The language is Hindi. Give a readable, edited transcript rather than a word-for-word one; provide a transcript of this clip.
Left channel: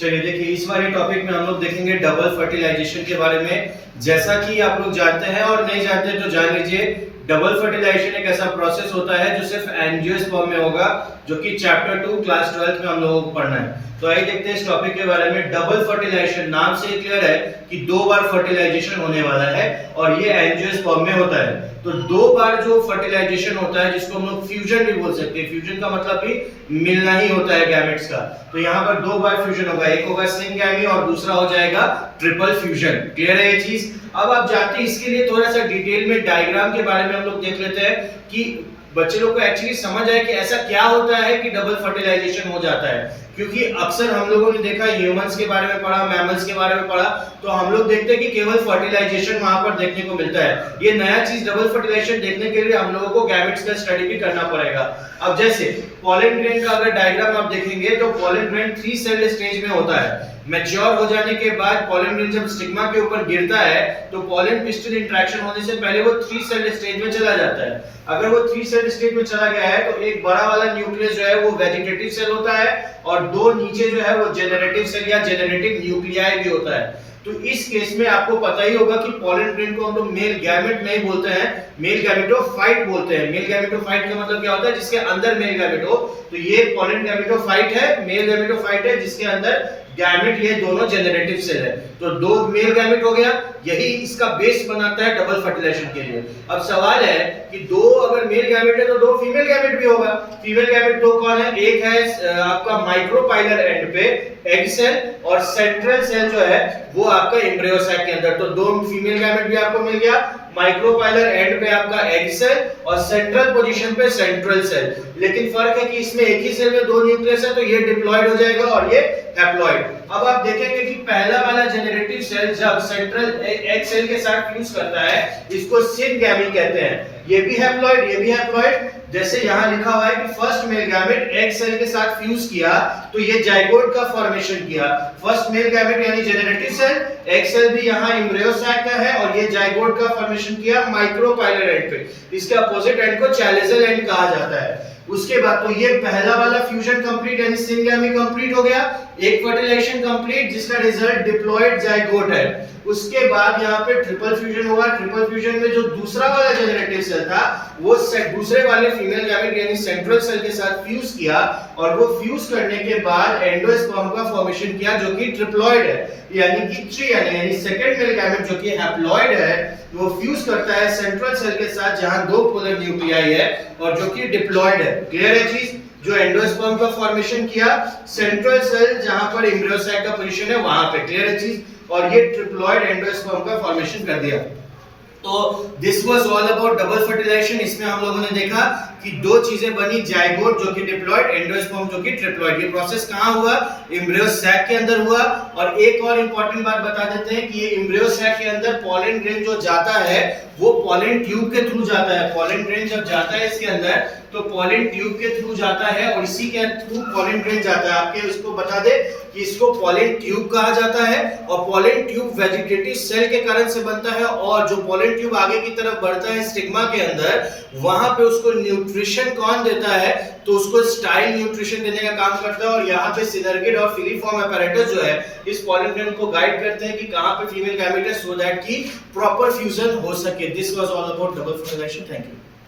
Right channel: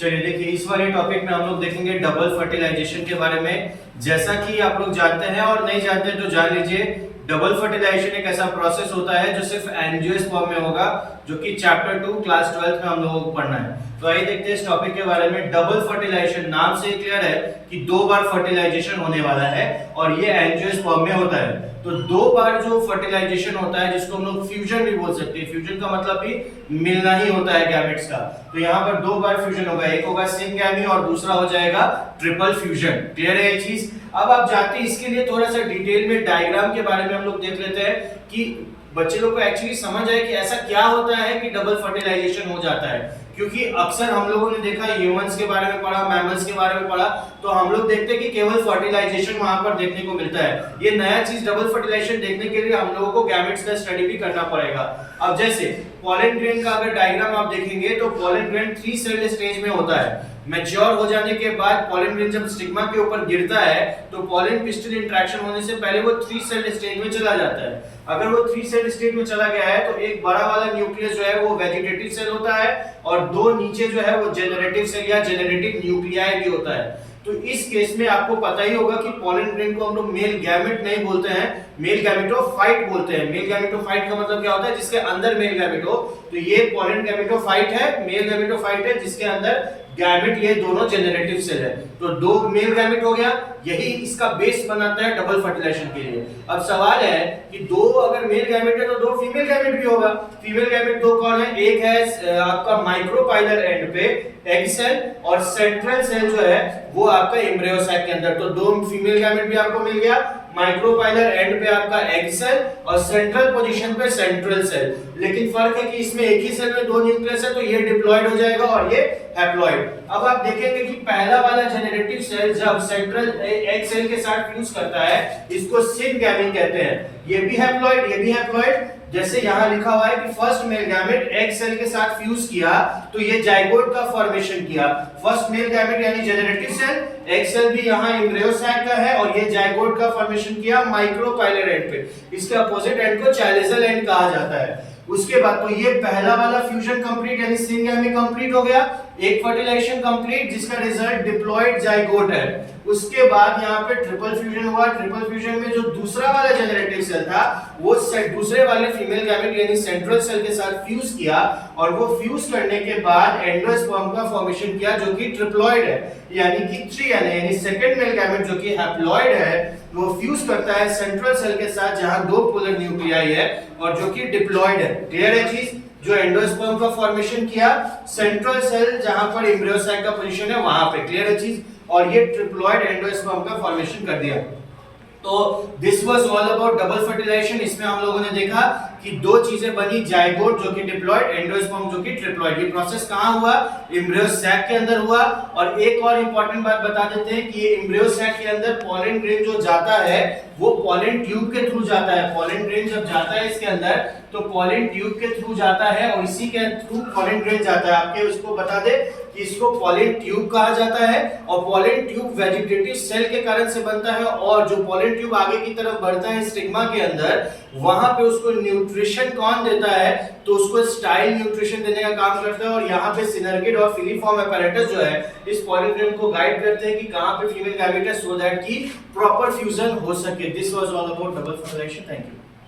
चलिए देखिए, इस वाले टॉपिक में हम लोग देखेंगे डबल फर्टिलाइजेशन के बारे में। जैसा कि आप लोग जानते हैं और नहीं जानते तो जान लीजिए, डबल फर्टिलाइजेशन एक ऐसा प्रोसेस होता है जो सिर्फ एंजियोस्पर्म में होगा, जो कि चैप्टर 2 क्लास 12 में हम लोगों को पढ़ना है। तो आइए देखते हैं इस टॉपिक के बारे में। डबल फर्टिलाइजेशन नाम से क्लियर है कि दो बार फर्टिलाइजेशन होने वाला है और ये एंजियोस्पर्म में होता है। तो दो बार जो फर्टिलाइजेशन होता है, जिसको हम लोग फ्यूजन भी बोल सकते हैं, फ्यूजन का मतलब भी मिलना ही होता है गैमेट्स का। तो यहाँ पर दो बार फ्यूजन होगा, एक होगा सिंगैमी और दूसरा हो जाएगा ट्रिपल फ्यूजन। क्लियर है ये चीज? अब आप जानते हैं, इसके लिए थोड़ा सा डिटेल में डायग्राम के बारे में हम लोग देख लेते हैं कि बच्चे लोग को एक्चुअली समझ आए कि ऐसा क्या होता है कि डबल फर्टिलाइजेशन हो जाता है। क्योंकि अक्सर हम लोगों ने देखा, ह्यूमंस के बारे में पढ़ा, मैमल्स के बारे में पढ़ा, तो हम लोग देखते हैं कि केवल फर्टिलाइजेशन वहां पर देखने को मिलता है। ये नया चीज डबल फर्टिलाइजेशन देखने के लिए हम लोगों को गैमेट्स का स्टडी भी करना पड़ेगा। अब जैसे पॉलन ग्रेन का अगर डायग्राम आप देखेंगे तो पॉलन ग्रेन 3 सेल्ड स्टेज में होता है। मैच्योर हो जाने के बाद पॉलन ग्रेन जब स्टिग्मा के ऊपर गिरता है तो पॉलन पिस्टिल इंटरेक्शन होने से पहले वो 3 सेल्ड स्टेज में चला जाता है। अगर वो 3 सेल्ड स्टेज में चला गया है तो एक बड़ा वाला न्यूक्लियस जो है वो वेजिटेटिव सेल होता है और दो नीचे जो है वो जेनरेटिव सेल या जेनरेटिव न्यूक्लियाई भी होता है। तो इस केस में आपको पता ही होगा कि पॉलन ग्रेन को हम लोग मेल गैमेट नहीं बोलते हैं, मेल गैमेटोफाइट बोलते हैं। मेल गैमेटोफाइट का मतलब क्या होता है? जिसके अंदर मेल गैमेट हो। तो ये पॉलन गैमेटोफाइट है, मेल गैमेटोफाइट है, जिसके अंदर गैमेट, ये दोनों जेनरेटिव सेल है। तो दो मेल गैमेट हो गया, यही इसका बेस बनाता है डबल फर्टिलाइजेशन के लिए। अब सवाल है कि दो अगर मेल गैमेट है तो दो फीमेल गैमेट भी होगा। फीमेल गैमेट दो कौन है? एक है आपका माइक्रोपाइलर एंड पे एग सेल और सेंट्रल सेल जो है वो आपका एम्ब्रियो सैक के अंदर। तो दो फीमेल गैमेट भी आपको मिल गया, माइक्रोपाइलर एंड पे आपका एग सेल और सेंट्रल पोजीशन पे सेंट्रल सेल। लेकिन फर्क है कि इसमें एक ही सेल में दो न्यूक्लियस है, तो ये डिप्लॉयड हो जाएगा और ये हैप्लॉयड। अब आप देखेंगे कि पहला वाला जेनरेटिव सेल जब सेंट्रल एग सेल के साथ फ्यूज करता है, इसको सिनगैमी कहते हैं। ये भी हैप्लॉयड, ये भी हैप्लॉयड। जैसे यहाँ लिखा हुआ है कि first male gamete egg cell के साथ फ्यूज किया तो ये जाइगोट का फॉर्मेशन किया। फर्स्ट मेल गैमेट यानी जेनरेटिव सेल, एग सेल भी यहाँ एम्ब्रियो सैक का है और ये जाइगोट का फॉर्मेशन किया माइक्रोपाइलर एंड पे। इसके अपोजिट एंड को चैलिसल एंड कहा जाता है। उसके बाद तो ये पहला वाला फ्यूजन कंप्लीट यानी सिंगैमी कंप्लीट हो गया, एक फर्टिलाइजेशन कंप्लीट जिसका रिजल्ट डिप्लॉयड जाइगोट है। उसके बाद यहाँ पे ट्रिपल फ्यूजन हुआ। ट्रिपल फ्यूजन में जो दूसरा वाला जेनरेटिव सेल था वो दूसरे वाले फीमेल गैमेट यानी सेंट्रल सेल के साथ फ्यूज किया और वो फ्यूज करने के बाद एंडोस्पर्म का फॉर्मेशन किया जो कि ट्रिप्लॉयड है, यानी कि ट्रियन यानी सेकंड मेल गैमेट जो कि हैप्लॉयड है वो फ्यूज करता है सेंट्रल सेल के साथ जहां दो पोलर न्यूक्लियाई है और जो कि डिप्लॉयड है। क्लियर है चीज? जो एंडोस्पर्म का फॉर्मेशन किया सेंट्रल सेल जहां पर एम्ब्रियो सैक का पोजीशन है वहां पे। क्लियर है चीज? और ये ट्रिप्लॉयड एंडोस्पर्म का फॉर्मेशन कर दिया। तो this was all about double fertilization. इसमें हम लोगों ने देखा कि दो चीजें बनी, जाइगोट जो कि डिप्लॉयड, एंडोस्पर्म जो कि ट्रिप्लॉयड। ये प्रोसेस कहां हुआ? एम्ब्रियो सैक के अंदर हुआ। और एक और इंपॉर्टेंट बात बता देते हैं कि ये एम्ब्रियो सैक के अंदर पॉलन ग्रेन जो जाता है वो पॉलन ट्यूब के थ्रू जाता है। पॉलन ग्रेन जब जाता है इसके अंदर तो पॉलन ट्यूब के थ्रू जाता है और इसी के थ्रू पॉलन ग्रेन जाता है। आपके उसको बता दे कि इसको पॉलन ट्यूब कहा जाता है और पॉलन ट्यूब वेजिटेटिव सेल के कारण से बनता है। और जो पॉलन ट्यूब आगे की तरफ बढ़ता है स्टिग्मा के अंदर, वहां पे उसको न्यूट्रिशन कौन देता है? तो उसको स्टाइल न्यूट्रिशन देने का काम करता है। और यहाँ पे सिनर्गिड और फिलीफॉर्म apparatus जो है इस पॉलन ग्रेन को गाइड करते हैं कि कहां पे फीमेल गैमेट है, सो दैट की प्रॉपर फ्यूजन हो सके। This was all about double fertilization. Thank you.